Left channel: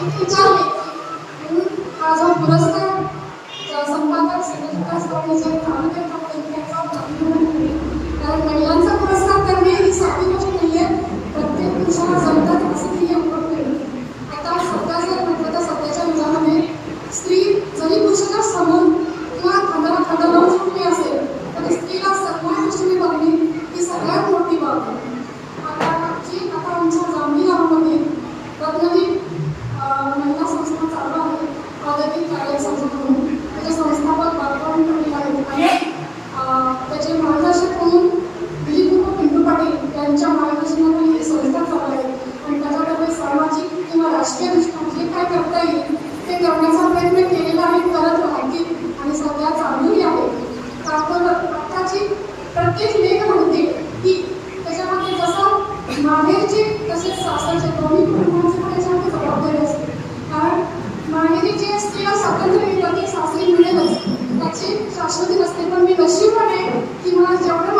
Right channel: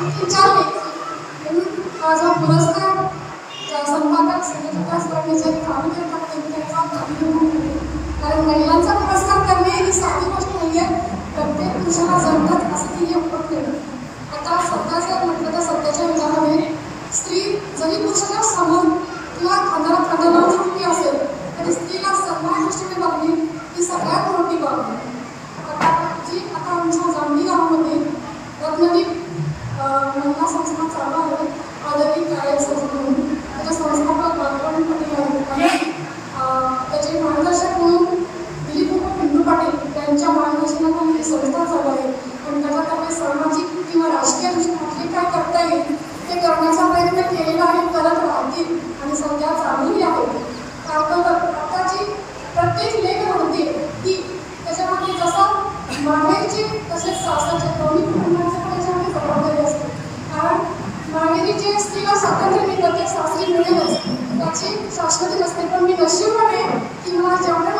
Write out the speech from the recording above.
विचारले म्हणून हा जो पुरस्कार संपादक संयोजका स्पर्धेचे थांबते त्यांचा कारण महिलांचा पुरस्कार करणे ही साधी गोष्ट नाही आहे. प्रत्येक पुरुषाला जमतात असं ती होत नाही. आता सध्या जर म्हटलं तर सध्याच्या युगामध्ये स्त्री जरी पुरुषाच्या समोर किंवा खांद्याला खांदा लावून उभी असेल तरी स्त्रीला सगळ्या दृष्टीने बघणे ही सगळ्यात मोठी बाब आहे. आता आमच्या जांभी गावामध्ये रत्नदीप महिला संस्था चालू आहे. आदरणीय कार्य संस्था म्हणून त्याच्या संस्थापक बालकावणी पाटील आहेत आणि त्याचे मार्गदर्शक म्हणून दिलीप पिंटू पाटील यांच्या मार्गदर्शनाखाली ही संस्था चालू आहे. आणि त्याच्याकडे सामाजिक किंवा राजकीय दृष्टीने जे काय करता येईल ते करण्याचा प्रयत्न केलेला आहे, करत राहतील आणि सध्या चालूही आहे. आपण आताची प्रत्येक लेख म्हणते की त्याच्यामध्ये जसं माहेरची तसेच सासरचे दोन्ही कुटुंबांचे पण याच्यामध्ये जबाबदारी असते. कारण माहेरी जे स्त्रीला स्वातंत्र्य मिळतं ते सासरी मिळेलच त्याची शाश्वती नसते. पण मी नशीबवान आहे की मला जेवढं